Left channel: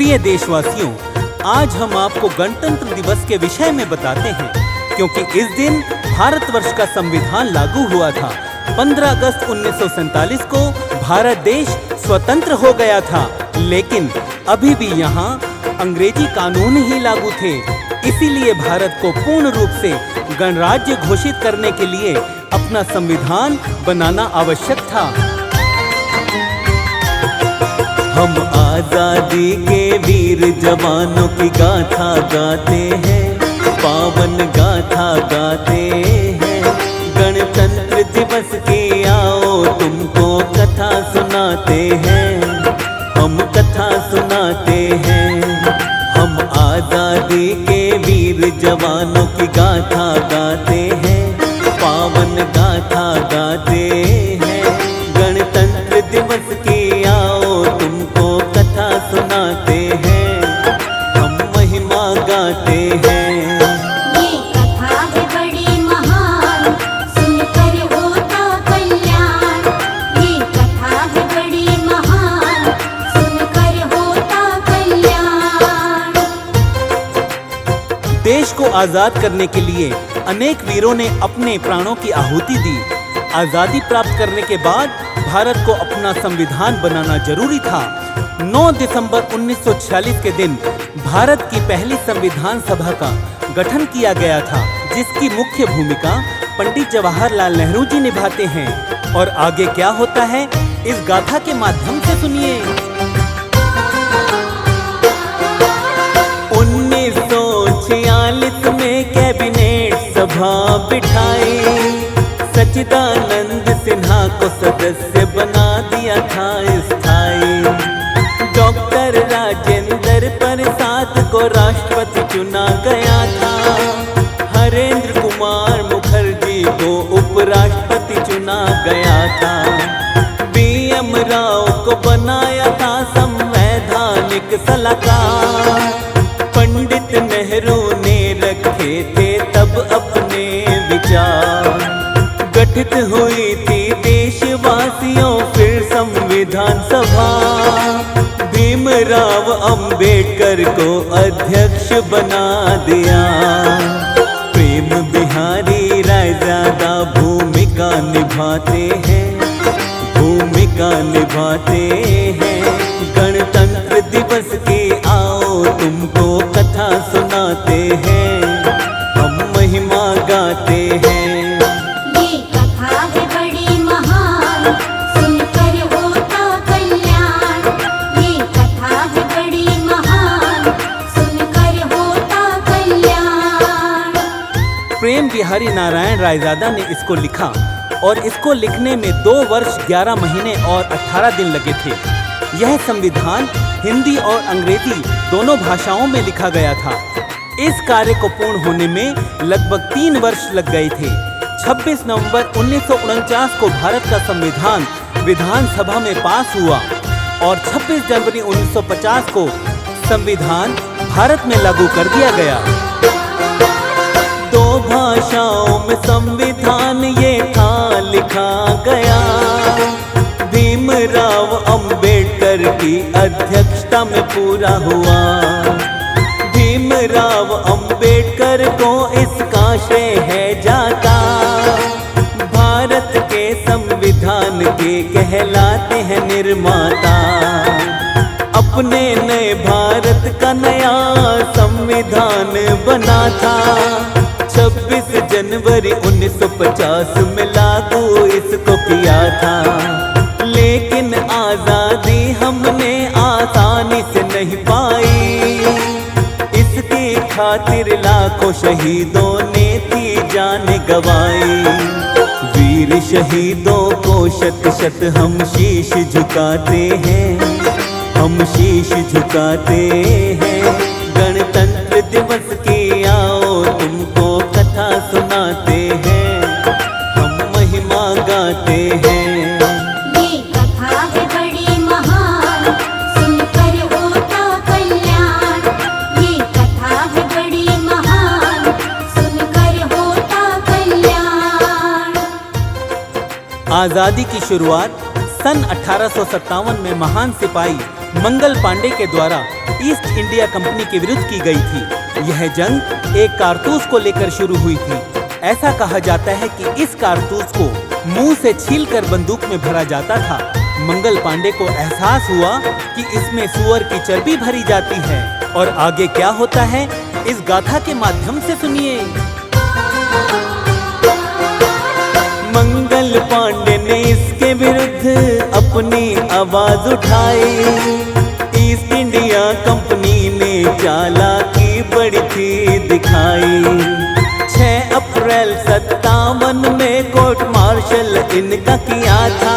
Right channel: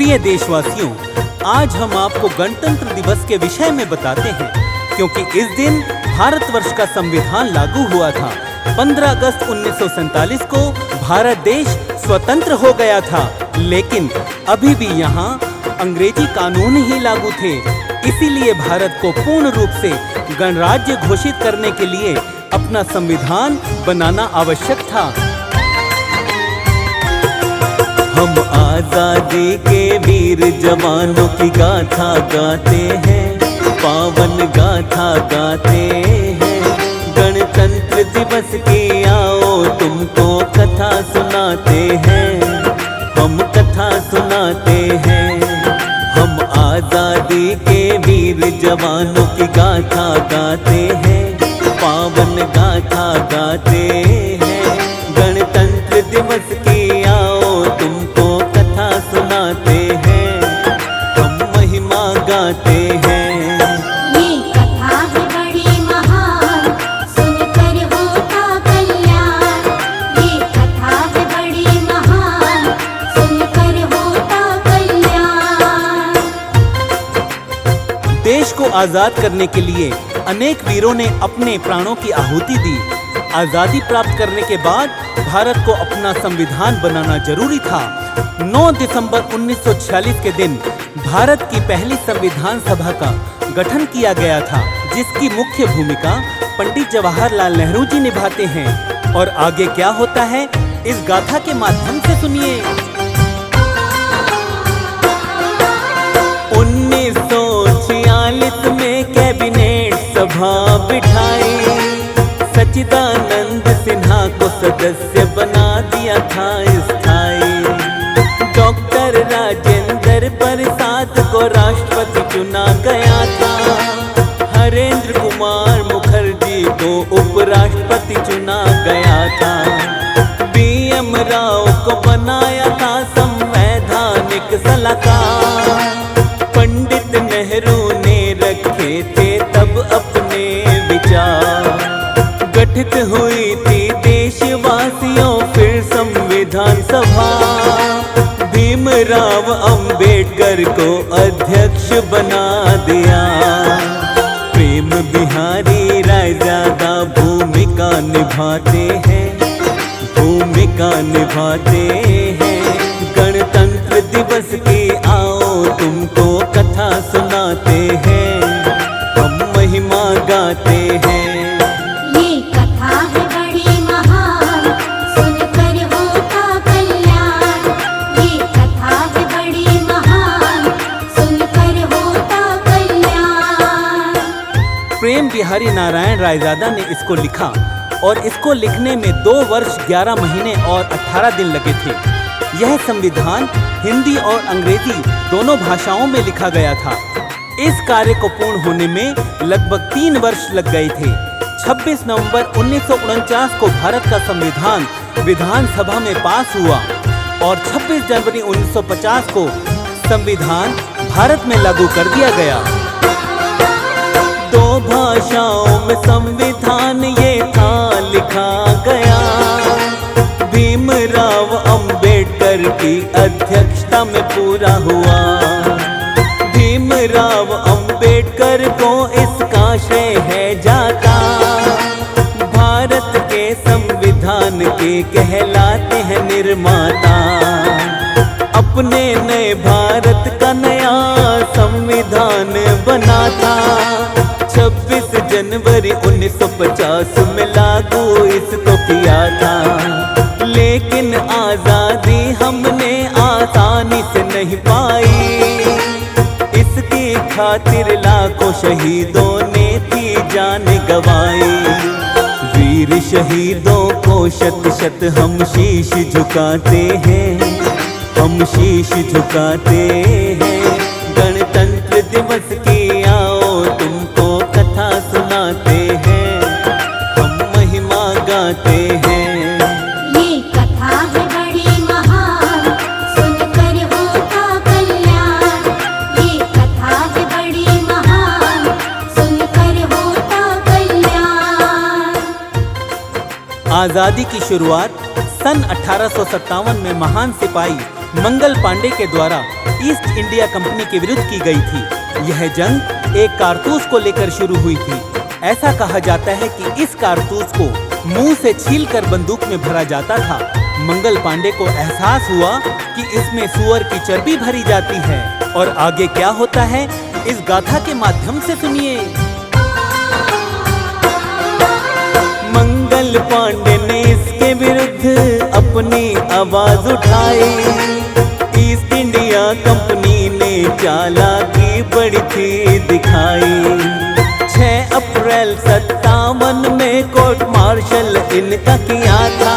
प्रिय देशवासियों, आज हम आपको गणतंत्र दिवस के विषय में बताते हैं, क्योंकि इस दिन भारतवर्ष का संविधान लागू हुआ था। 15 अगस्त 1947 को भारत देश स्वतंत्र हो गया था, लेकिन अभी भी यहाँ अंग्रेजी कानून ही लागू थे। इसीलिए भारत को पूर्ण रूप से गणराज्य घोषित करने के लिए अपना संविधान बनाना आवश्यक था। हम आजादी के वीर जवानों की गाथा गाते हैं, पावन गाथा गाते हैं। गणतंत्र दिवस की आओ तुमको कथा सुनाते हैं, हम कथा सुनाते हैं। हम आजादी के वीर जवानों की गाथा गाते हैं, पावन गाथा गाते हैं। गणतंत्र दिवस की आओ तुमको कथा सुनाते हैं, हम महिमा गाते हैं। ये कथा भी बड़ी महान, सुनकर होता कल्याण। ये कथा भी बड़ी महान, सुनकर होता कल्याण। देश को आजाद करने के लिए अनेक वीरों ने अपने प्राणों की आहुति दी। आजादी प्राप्त करने के बाद भारत को अपना संविधान बनाना जरूरी था। 9 दिसंबर 1946 के दिन भारत की पहली संविधान सभा का गठन किया गया था, जिसकी मुख्य भूमिका पंडित जवाहरलाल नेहरू जी निभाते हैं। और आगे क्या होता है, इस गाथा के माध्यम से सुनिए। 1946 में कैबिनेट सभा बिठाई, सच्चिदानंद सिन्हा को सदस्य बना दिया था स्थायी। डॉक्टर राजेंद्र प्रसाद को राष्ट्रपति चुना गया था, हरेंद्र कुमार मुखर्जी को उपराष्ट्रपति चुना गया था। BM राव को बनाया था संवैधानिक सलाहकार। पंडित नेहरू ने रखे थे तब अपने विचार। गठित हुई थी देशवासियों फिर संविधान सभा। भीमराव अंबेडकर को अध्यक्ष बना दिया। प्रेम बिहारी रायजादा भूमिका निभाते हैं, भूमिका निभाते हैं। गणतंत्र दिवस की आओ तुमको कथा सुनाते हैं, हम महिमा गाते हैं। ये कथा भी बड़ी महान, सुनकर होता कल्याण। ये कथा भी बड़ी महान, सुनकर होता कल्याण। प्रेम बिहारी नारायण रायजादा ने इसको लिखा और इसको लिखने में 2 वर्ष 11 महीने और 18 दिन लगे थे। यह संविधान हिंदी और अंग्रेजी दोनों भाषाओं में लिखा गया था। इस कार्य को पूर्ण होने में लगभग 3 वर्ष लग गए थे। 26 नवंबर 1949 को भारत का संविधान विधानसभा में पास हुआ और 26 जनवरी 1950 को संविधान भारत में लागू कर दिया गया। 2 भाषाओं में संविधान ये था लिखा गया। भीमराव अंबेडकर की अध्यक्षता में पूरा हुआ। भीमराव अंबेडकर को इसका श्रेय है जाता। भारत के संविधान के कहलाते हैं निर्माता। अपने नए भारत का नया संविधान बना था। 26 जनवरी 1950 में लागू इसको किया था। लेकिन आजादी हमने आसानी से नहीं पाई। इसकी खातिर लाखों शहीदों ने थी जान गंवाई। वीर शहीदों को शत शत हम शीश झुकाते हैं, हम शीश झुकाते हैं। गणतंत्र दिवस की आओ तुमको कथा सुनाते हैं, हम महिमा गाते हैं। ये कथा भी बड़ी महान, सुनकर होता कल्याण। ये कथा भी बड़ी महान, सुनकर होता कल्याण। आजादी की शुरुआत सन 1857 में महान सिपाही मंगल पांडे के द्वारा ईस्ट इंडिया कंपनी के विरुद्ध की गई थी। यह जंग एक कारतूस को लेकर शुरू हुई थी। ऐसा कहा जाता है कि इस कारतूस को मुंह से छीलकर बंदूक में भरा जाता था। मंगल पांडे को एहसास हुआ कि इसमें सुअर की चर्बी भरी जाती है। और आगे क्या होता है, इस गाथा के माध्यम से सुनिए। मंगल पांडे ने इसके विरुद्ध अपनी आवाज उठाई। ईस्ट इंडिया कंपनी ने चालाकी बड़ी थी दिखाई। 6 अप्रैल 57 में कोर्ट मार्शल इनका किया था।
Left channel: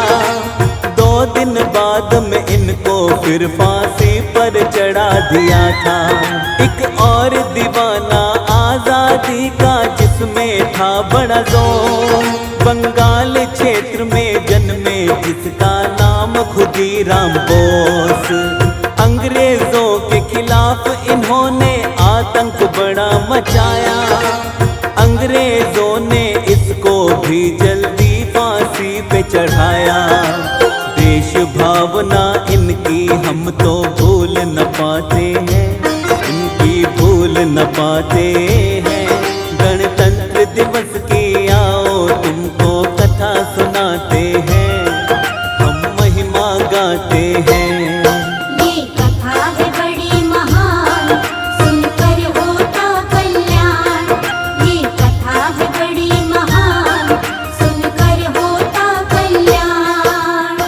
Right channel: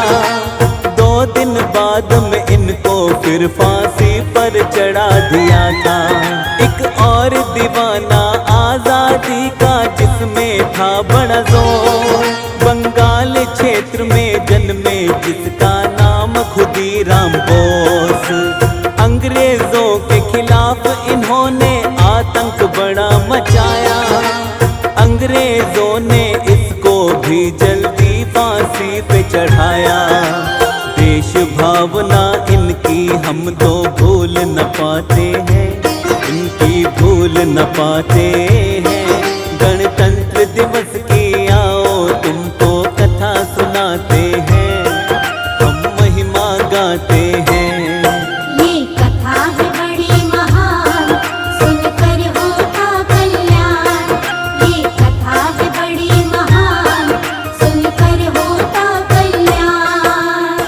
2 दिन बाद में इनको फिर फांसी पर चढ़ा दिया था। एक और दीवाना आजादी का जिसमें था बड़ा जोर, बंगाल क्षेत्र में जन्मे जिसका नाम खुदीराम बोस। अंग्रेजों के खिलाफ इन्होंने आतंक बड़ा मचाया। अंग्रेजों ने इसको भी जल्दी फांसी पे चढ़ाया। देश भावना इनकी हम तो भूल न पाते हैं, इनकी भूल न पाते हैं। गणतंत्र दिवस की आओ तुमको कथा सुनाते हैं, हम महिमा गाते हैं। ये कथा है बड़ी महान, सुनकर होता कल्याण। ये कथा है बड़ी महान, सुनकर होता कल्याण।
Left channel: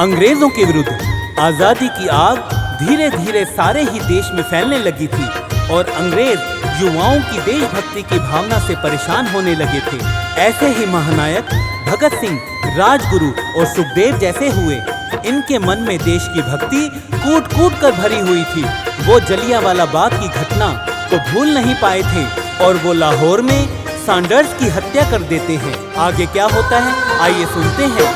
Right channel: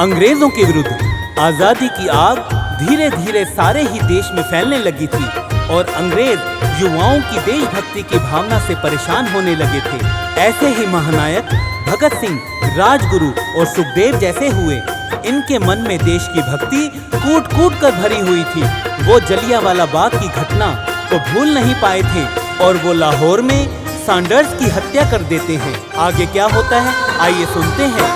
अंग्रेजों के विरुद्ध आजादी की आग धीरे धीरे सारे ही देश में फैलने लगी थी और अंग्रेज युवाओं की देशभक्ति की भावना से परेशान होने लगे थे। ऐसे ही महानायक भगत सिंह, राजगुरु और सुखदेव जैसे हुए। इनके मन में देश की भक्ति कूट कूट कर भरी हुई थी। वो जलियांवाला बाग की घटना को भूल नहीं पाए थे और वो लाहौर में सैंडर्स की हत्या कर देते हैं। आगे क्या होता है, आइए सुनते हैं।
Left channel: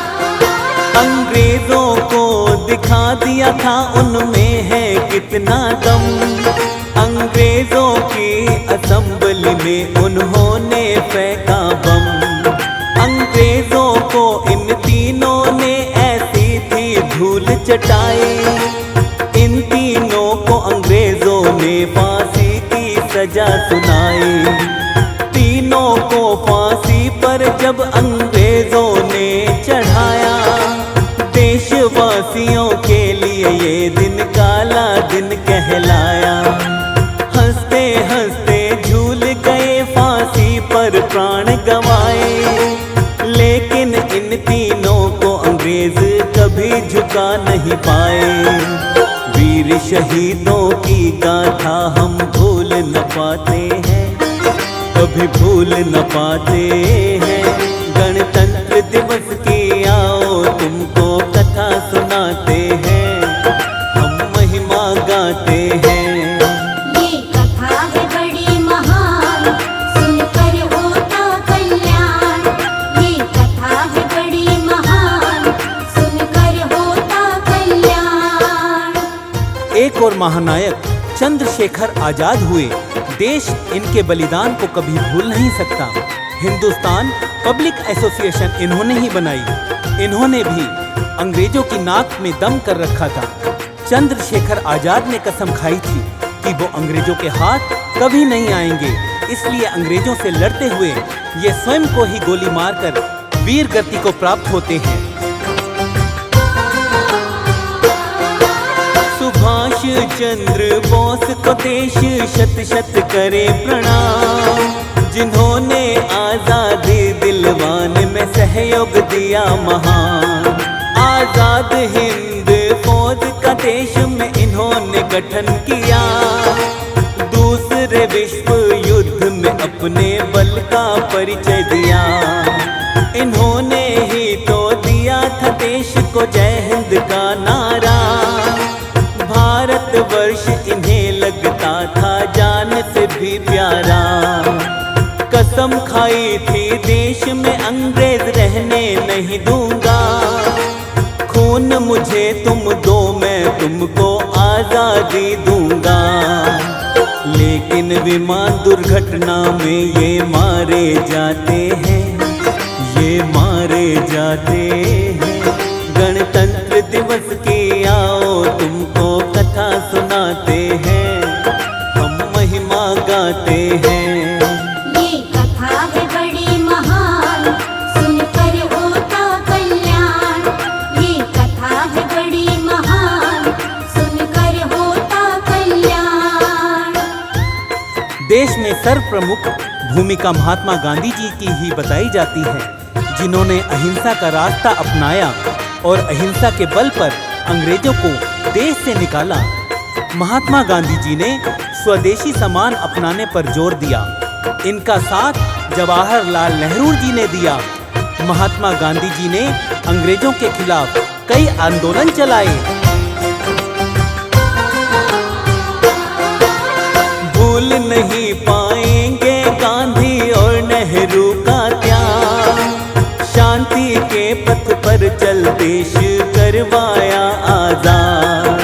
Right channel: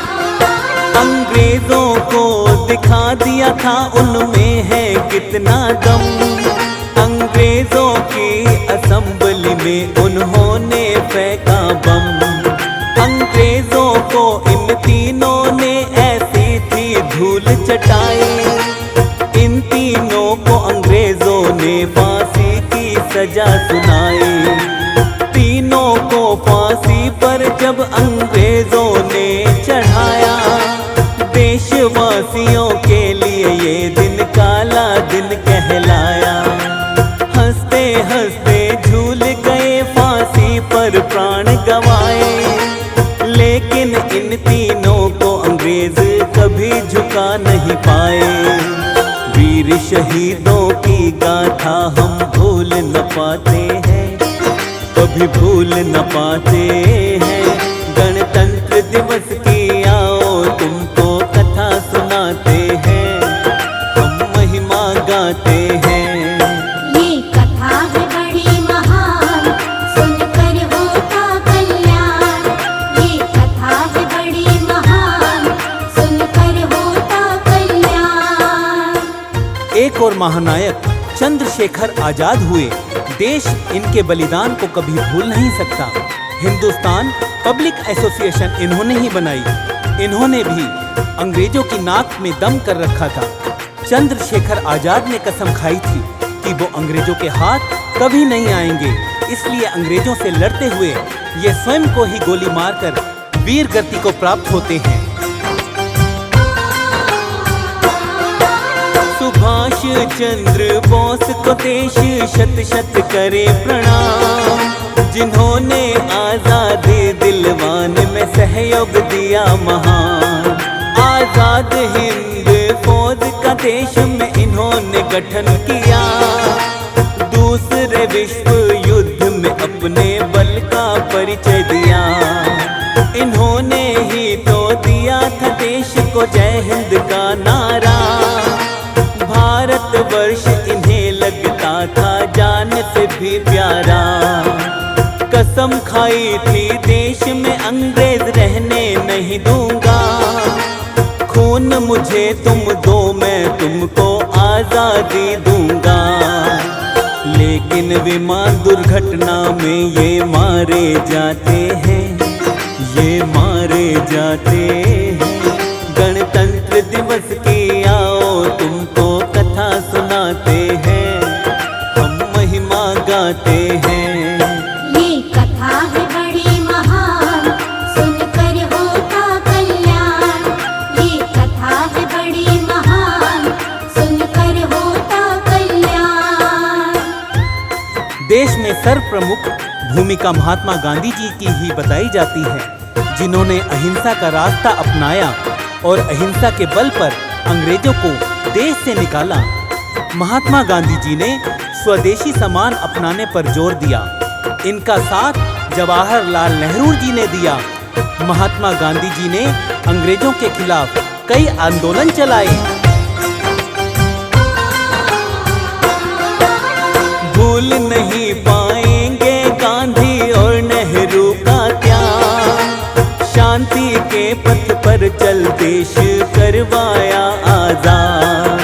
अंग्रेजों को दिखा दिया था उनमें है कितना दम। अंग्रेजों की असेंबली में उन्होंने फेंका बम। अंग्रेजों को इन तीनों ने ऐसी थी धूल चटाई। इन तीनों को अंग्रेजों ने फांसी की सजा सुनाई। तीनों को फांसी पर जब अंग्रेजों ने चढ़ाया, देशवासियों के लिए ये दिन काला दिन कहलाया। हंसते हंसते झूल गए फांसी पर प्राण गंवाए, लेकिन इन तीनों को अंग्रेज कभी झुका नहीं पाए। वीर शहीदों की गाथा हम भूल न पाते हैं, कभी भूल न पाते हैं। गणतंत्र दिवस की आओ तुमको कथा सुनाते हैं, हम महिमा गाते हैं। ये कथा है बड़ी महान, सुनकर होता कल्याण। ये कथा है बड़ी महान, सुनकर होता कल्याण। एक और महानायक चंद्रशेखर आजाद हुए। देश इनके बलिदान को कभी भूल नहीं सकता। हिंदुस्तान पब्लिक एसोसिएशन इन्होंने ही बनाई। इन्होंने भी अंग्रेजों की नाक में दम कर रखा था। चंद्रशेखर आजाद ने कसम खाई थी कि वो अंग्रेजों के हाथ कभी नहीं आएंगे। इसलिए अंग्रेजों से लड़ते हुए ये स्वयं को ही गोली मारकर वीर गति को प्राप्त होते हैं। सुभाष चंद्र बोस को देश शत शत करे प्रणाम, जिन्होंने आजादी दिलवाने में सहयोग दिया महान। आजाद हिंद फौज का देश में इन्होंने गठन किया। दूसरे विश्व युद्ध में अपने बल का परिचय दिया। इन्होंने ही तो दिया था देश को जय हिंद का नारा। भारतवर्ष इन्हें लगता था जान से भी प्यारा। कसम खाई थी देश में अंग्रेज रहने नहीं दूंगा। खून मुझे तुम दो मैं तुमको आजादी दूंगा। लेकिन विमान दुर्घटना में ये मारे जाते हैं, ये मारे जाते हैं। गणतंत्र दिवस की आओ तुमको कथा कथा सुनाते हैं, हम महिमा गाते हैं। ये कथा है बड़ी महान, सुनकर होता कल्याण। ये कथा है बड़ी महान, सुनकर होता कल्याण। देश में सर्वप्रमुख भूमिका महात्मा गांधी जी की ही बताई जाती है, जिन्होंने अहिंसा का रास्ता अपनाया और अहिंसा के बल पर अंग्रेजों को देश से निकाला। महात्मा गांधी जी ने स्वदेशी सामान अपनाने पर जोर दिया। इनका साथ जवाहरलाल नेहरू जी ने दिया। महात्मा गांधी जी ने अंग्रेजों के खिलाफ कई आंदोलन चलाए। भूल नहीं पाएंगे गांधी और नेहरू का त्याग, शांति के पथ पर चल देश करवाया आजाद।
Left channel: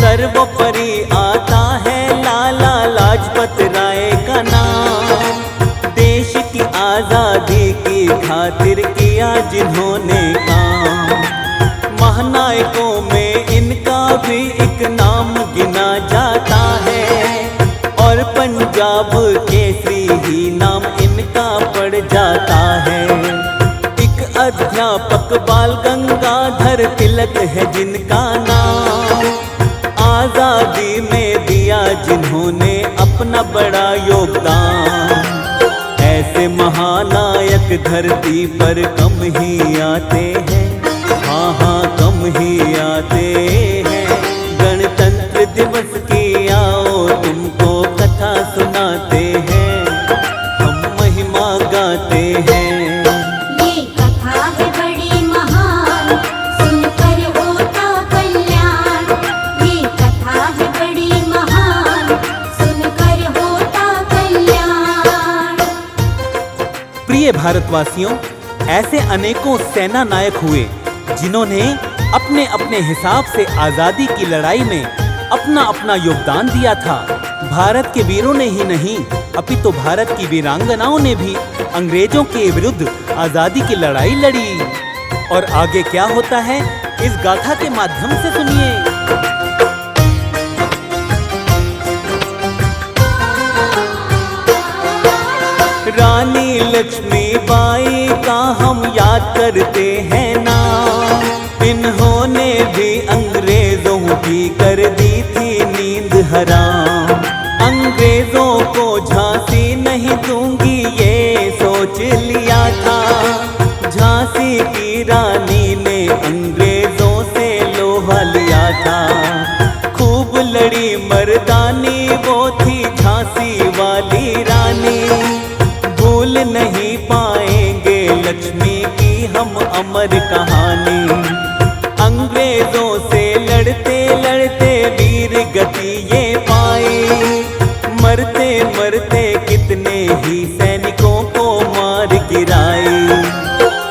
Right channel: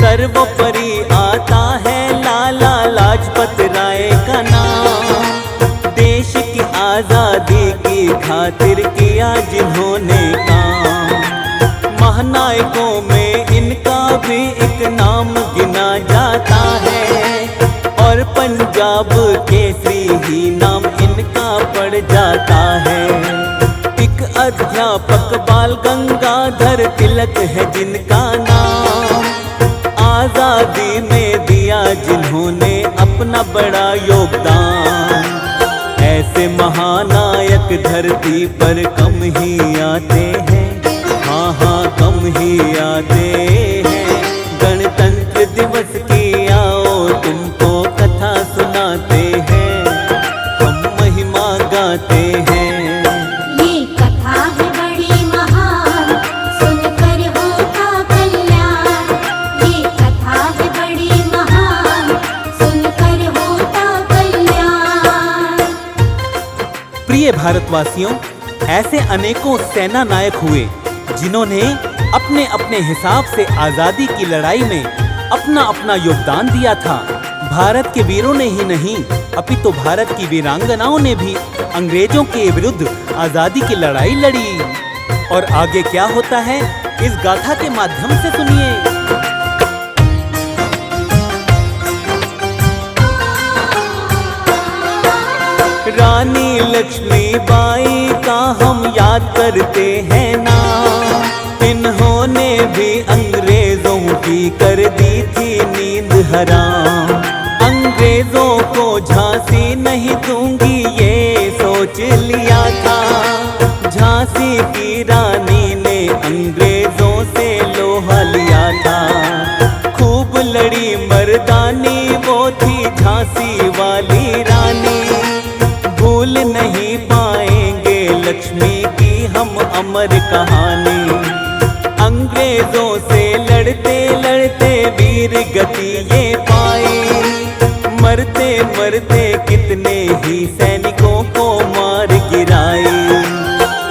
सर्वोपरि आता है लाला लाजपत राय का नाम, देश की आजादी की खातिर किया जिन्होंने काम। महानायकों में इनका भी एक नाम गिना जाता है, और पंजाब केसरी ही नाम इनका पड़ जाता है। एक अध्यापक बाल गंगाधर तिलक है जिनका नाम, आजादी में दिया जिन्होंने अपना बड़ा योगदान। ऐसे महानायक धरती पर कम ही आते हैं, हाँ हाँ कम ही आते हैं। गणतंत्र दिवस की आओ तुमको कथा सुनाते हैं, हम महिमा गाते हैं। ये कथा है बड़ी महान, सुनकर होता कल्याण। ये कथा है बड़ी महान, सुनकर होता कल्याण। प्रिय भारतवासियों, ऐसे अनेकों सेना नायक हुए जिन्होंने अपने अपने हिसाब से आजादी की लड़ाई में अपना अपना योगदान दिया था। भारत के वीरों ने ही नहीं, अपितु भारत की वीरांगनाओं ने भी अंग्रेजों के विरुद्ध आजादी की लड़ाई लड़ी। और आगे क्या होता है, इस गाथा के माध्यम से सुनिए। रानी लक्ष्मीबाई का हम याद करते हैं नाम, इन्होंने भी अंग्रेजों की कर दी थी नींद हराम। अंग्रेजों को झांसी नहीं दूंगी ये सोच लिया था, झांसी की रानी ने अंग्रेजों से लोहा लिया था। खूब लड़ी मर्दानी वो थी झांसी वाली रानी, भूल नहीं पाएंगे लक्ष्मी की हम अमर कहानी। अंग्रेजों से लड़ते लड़ते वीर गति ये पाई, मरते मरते कितने ही सैनिकों को मार गिराई।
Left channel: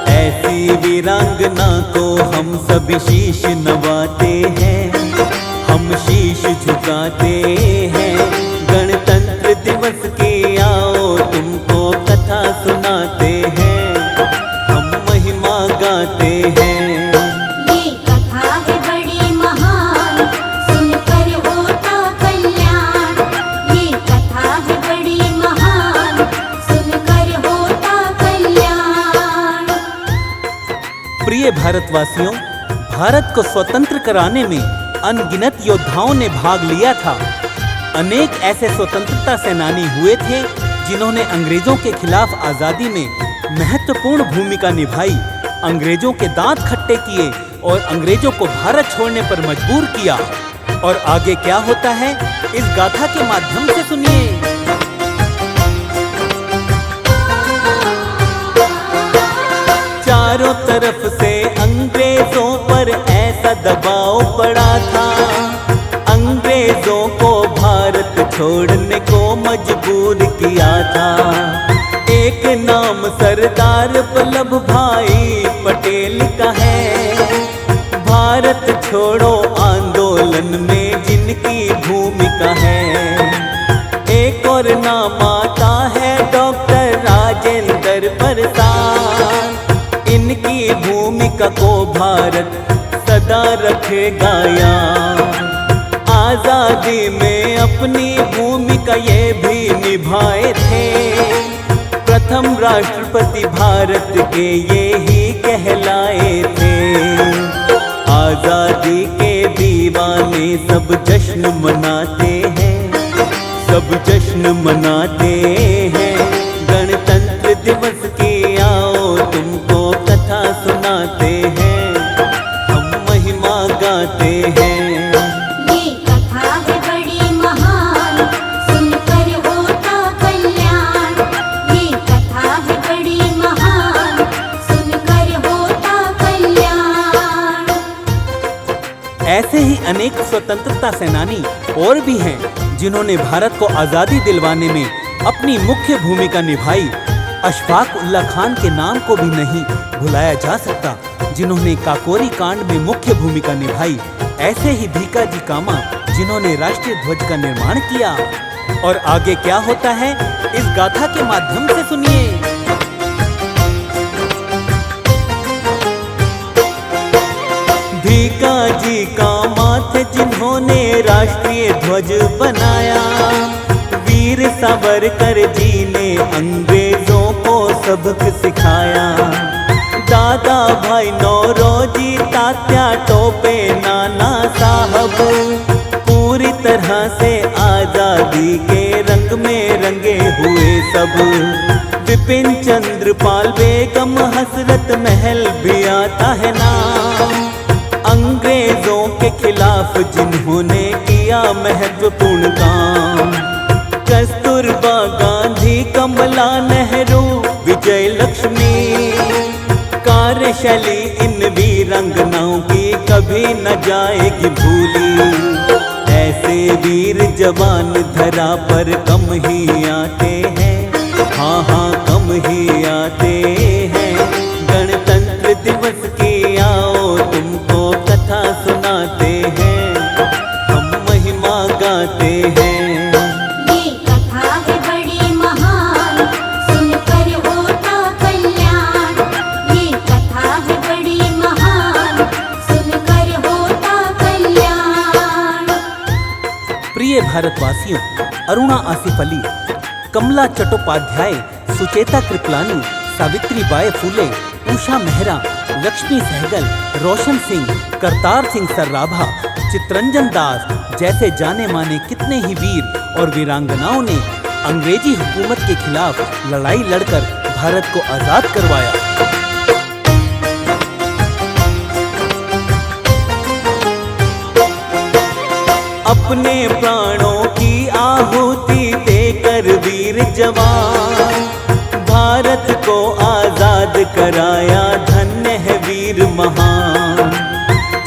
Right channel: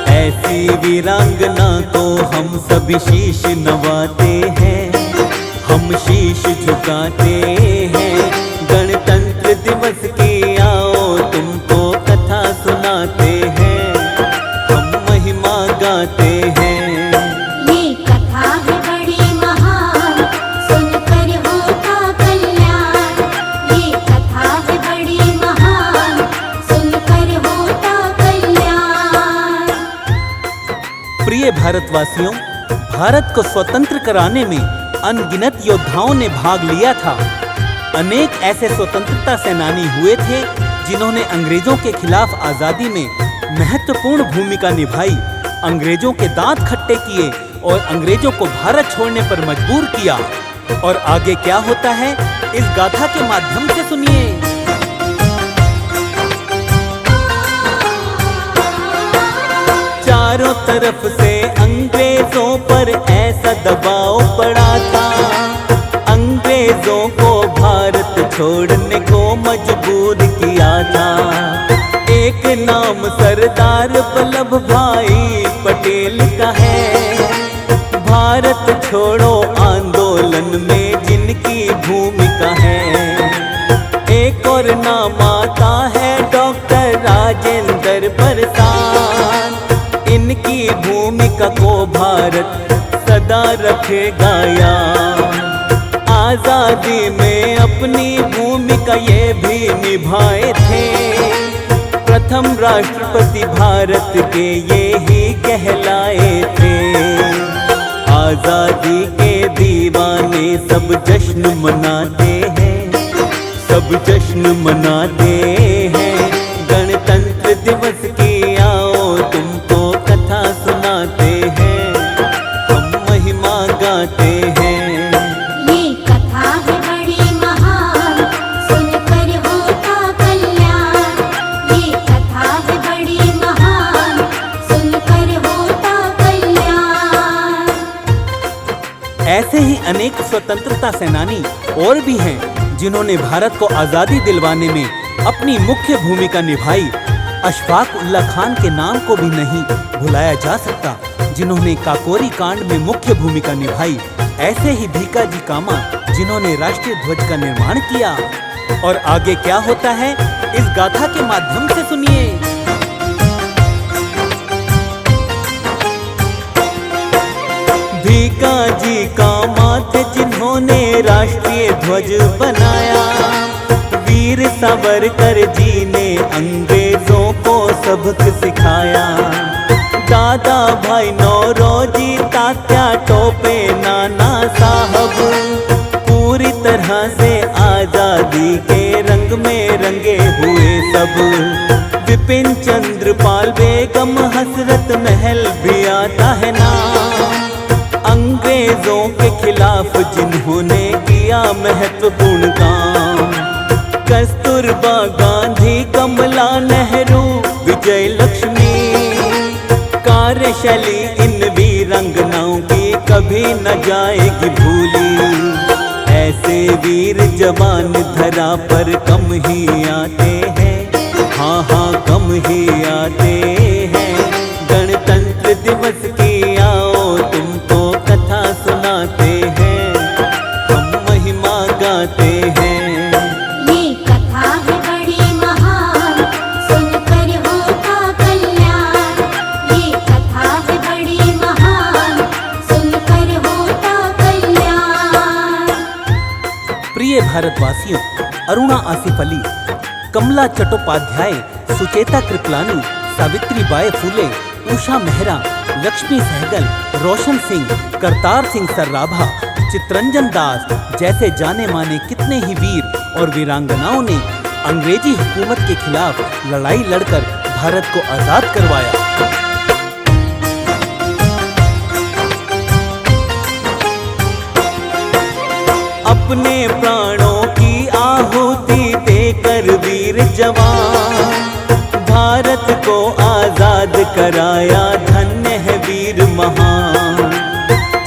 ऐसी वीरांगना को हम सभी शीश नवाते हैं, हम शीश झुकाते हैं। गणतंत्र दिवस की आओ तुमको कथा सुनाते हैं, हम महिमा गाते हैं। ये कथा है बड़ी महान, सुनकर होता कल्याण। ये कथा है बड़ी महान, सुनकर होता कल्याण। प्रिय भारतवासियों, भारत को स्वतंत्र कराने में अनगिनत योद्धाओं ने भाग लिया था। अनेक ऐसे स्वतंत्रता सेनानी हुए थे जिन्होंने अंग्रेजों के खिलाफ आजादी में महत्वपूर्ण भूमिका निभाई, अंग्रेजों के दांत खट्टे किए और अंग्रेजों को भारत छोड़ने पर मजबूर किया। और आगे क्या होता है, इस गाथा के माध्यम से सुनिए। चारों तरफ से अंग्रेजों पर ऐसा दबाव पड़ा था, अंग्रेजों को भारत छोड़ने को मजबूर किया था। एक नाम सरदार वल्लभ भाई पटेल का है, भारत छोड़ो आंदोलन में जिनकी भूमिका है। एक और नाम आता है डॉक्टर राजेंद्र प्रसाद, इनकी भूमिका को भारत सदा रखेगा याद। आजादी में अपनी भूमिका ये भी निभाए थे। प्रथम राष्ट्रपति भारत के ये ही कहलाए थे। आजादी के दीवाने सब जश्न मनाते हैं, सब जश्न मनाते हैं। गणतंत्र दिवस की आओ तुमको कथा सुनाते हैं, हम महिमा गाते हैं। ये कथा है बड़ी महान, सुनकर होता कल्याण। ये कथा है बड़ी महान, सुनकर होता कल्याण। ऐसे ही अनेक स्वतंत्रता सेनानी और भी हैं जिन्होंने भारत को आजादी दिलवाने में अपनी मुख्य भूमिका निभाई। अशफाक उल्लाह खान के नाम को भी नहीं भुलाया जा सकता, जिन्होंने काकोरी कांड में मुख्य भूमिका निभाई। ऐसे ही भीकाजी कामा जिन्होंने राष्ट्रीय ध्वज का निर्माण किया। और आगे क्या होता है इस गाथा के माध्यम से सुनिए। भीकाजी कामा थे जिन्होंने राष्ट्रीय ध्वज बनाया। वीर सावरकर जी ने अंग्रेजों को सबक सिखाया। दादा भाई नौरोजी, तात्या टोपे, नाना साहब पूरी तरह से आजादी के रंग में रंगे हुए सब। विपिन चंद्र पाल, बेगम हसरत महल भी आता है नाम। अंग्रेजों के खिलाफ जिन्होंने किया महत्वपूर्ण काम। कस्तूरबा गांधी, कमला नेहरू, विजय लक्ष्मी। कार्यशैली इन वीरांगनाओं की कभी न जाएगी भूली। ऐसे वीर जवान धरा पर कम ही आते हैं, हाँ हाँ कम ही आते हैं। गणतंत्र दिवस की आओ तुमको कथा सुनाते हैं, हम महिमा गाते हैं। ये कथा है बड़ी महान, सुनकर होता कल्याण। ये कथा है बड़ी महान, सुनकर होता कल्याण। प्रिय भारतवासियों, अरुणा आसिफ अली, कमला चट्टोपाध्याय, सुचेता कृपलानी, सावित्री बाई फुले, उषा मेहरा, लक्ष्मी सहगल, रोशन सिंह, करतार सिंह सर्राभा, चितरंजन दास जैसे जाने माने कितने ही वीर और वीरांगनाओं ने अंग्रेजी हुकूमत के खिलाफ लड़ाई लड़कर भारत को आजाद करवाया। अपने प्राणों की आहुति देकर वीर जवान भारत को आजाद कराया, धन्य है वीर महान।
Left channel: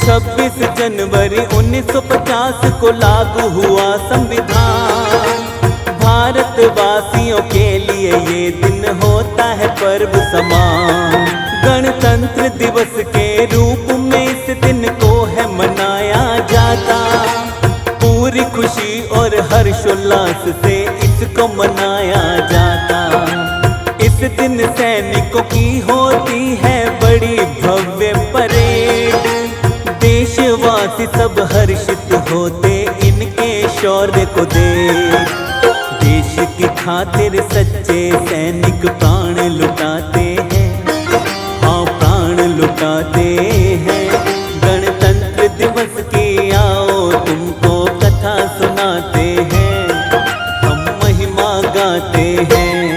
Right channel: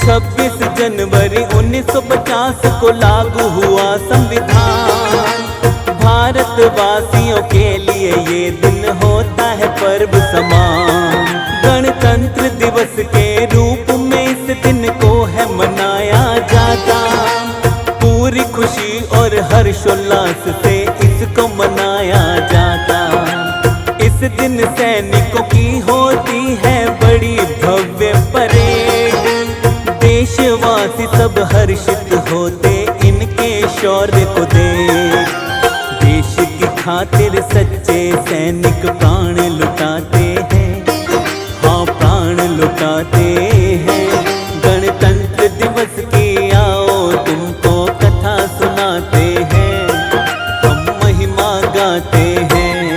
26 जनवरी 1950 को लागू हुआ संविधान। भारतवासियों के लिए ये दिन होता है पर्व समान। गणतंत्र दिवस के रूप में इस दिन को है मनाया जाता। पूरी खुशी और हर्षोल्लास से इसको मनाया जाता। इस दिन सैनिकों की होती है बड़ी भव्य परेड। देशवासी सब हर्षित होते इनके शौर्य को देख। देश की खातिर सच्चे सैनिक प्राण लुटाते हैं, हाँ प्राण लुटाते हैं। गणतंत्र दिवस की आओ तुमको कथा सुनाते हैं, हम महिमा गाते हैं।